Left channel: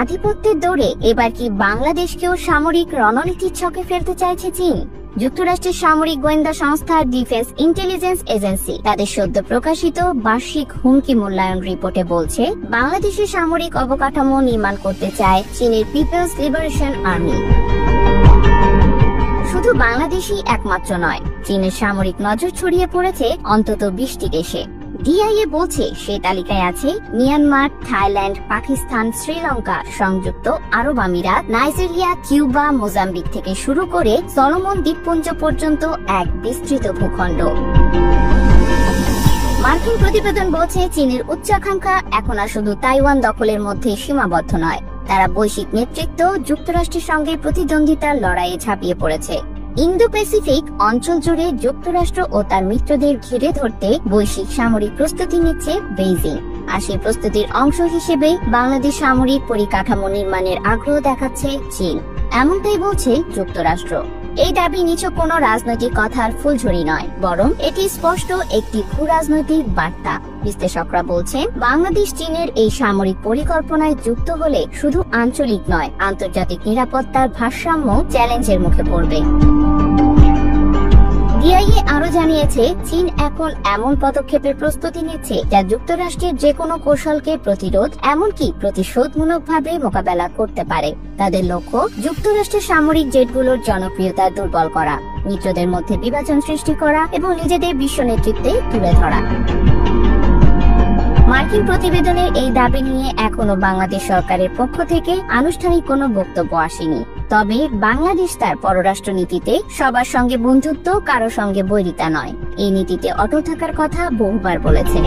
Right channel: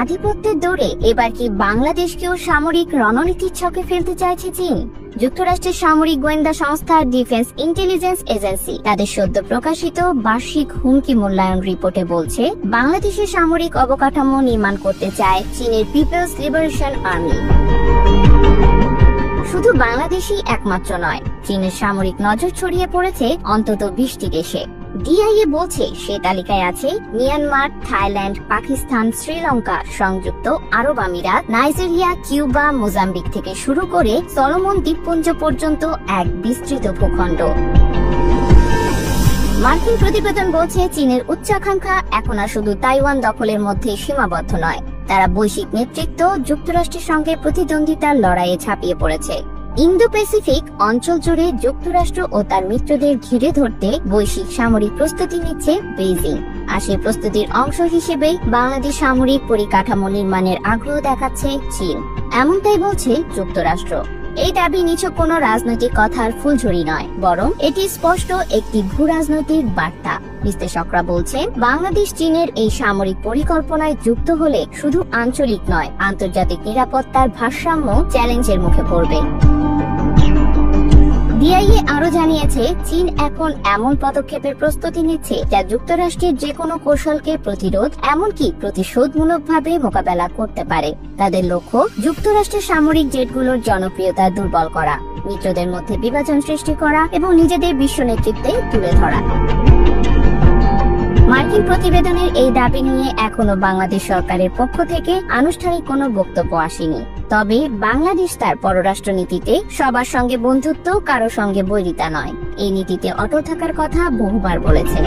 আধিপত্যের দৌড়ে এবার কি বাংলাদেশকেও সামরিক রণনীতির ছকে ফেলতে চাইছে চীন? যুক্তরাষ্ট্রের সামরিক গোয়েন্দা সংস্থা ডিফেন্স ইন্টেলিজেন্স এজেন্সি তাদের সদ্য প্রকাশিত বার্ষিক হুমকি মূল্যায়ন রিপোর্টে বলছে, বাংলাদেশের সামরিক অবকাঠামো নির্মাণ করতে চায় চীনের পিপলস লিবারেশন আর্মি। শুধু বাংলাদেশই একমাত্র নয়, চীনের সামরিক নজর ছড়িয়ে পড়েছে অন্তত 20টি দেশে। ডিআইএ বলছে সে তালিকায় আছে মিয়ানমার, থাইল্যান্ড, পাকিস্তান, শ্রীলঙ্কা, সংযুক্ত আরব আমিরাত, নাইজেরিয়া, কিউবা, মোজাম্বিক থেকে শুরু করে সলোমন দ্বীপপুঞ্জ পর্যন্ত এক বিস্তৃত ভূখণ্ড। মার্কিন প্রতিবেদন বলছে, চীনের উচ্চাকাঙ্ক্ষা এখন আর শুধু তাইওয়ান দখলের মধ্যে সীমাবদ্ধ নয়, তারা বৈশ্বিক নেতৃত্ব যুক্তরাষ্ট্রের সঙ্গে প্রতিদ্বন্দ্বিতার লড়াইয়ে ঝাঁপিয়ে পড়েছে। ইন্দো প্যাসিফিক অঞ্চল জুড়ে যুক্তরাষ্ট্র ও তার মিত্রদের ঘিরে ধরতে বৈশ্বিক সামরিক প্রস্তুতি নিচ্ছে বেইজিং। আর সেই প্রস্তুতির অংশ হিসেবেই বাংলাদেশ সামরিক পরিকাঠামো নির্মাণের আগ্রহ দেখাচ্ছে চীন, এমনটাই বলছে যুক্তরাষ্ট্র। এই দাবি নিছক কোনো রাজনৈতিক কথার ফুলঝুরি নয়, বরং এটি স্পষ্ট একটি ভূ রাজনৈতিক বার্তা। বিশ্লেষকরা বলছে, বাংলাদেশ চীনের এই সামরিক পরিকল্পনায় যুক্ত হলে শুধু আঞ্চলিক নয়, আন্তর্জাতিক নিরাপত্তার ভারসাম্য চ্যালেঞ্জের মুখে পড়বে। ডিআইএ আরো জানিয়েছে, চীন এখন এমন পদক্ষেপের প্রস্তুতি নিচ্ছে যা যুক্তরাষ্ট্রের যে কোনো কৌশলকে প্রতিরোধ, এমনকি প্রতিশোধমূলকভাবে মোকাবেলা করতে পারে। তাদের লক্ষ্য যুক্তরাষ্ট্রের সামরিক জেটগুলোর জনপ্রিয়তা দুর্বল করা, মিত্রদের মধ্যে বিভাজন সৃষ্টি করা এবং নিজেদের বিশ্ব নেতৃত্বে তুলে ধরা। মার্কিন প্রতিবেদনের এই দাবি নিয়ে এখনো বাংলাদেশ সরকারের পক্ষ থেকে আনুষ্ঠানিক কোনো বক্তব্য আসেনি। তবে বাংলাদেশ তার পররাষ্ট্র নীতিতে সবার সঙ্গে বন্ধুত্ব, কারো সঙ্গে বৈরিতা নয়, এই নীতিতে অটল থাকার কথা বহুবার বলেছে।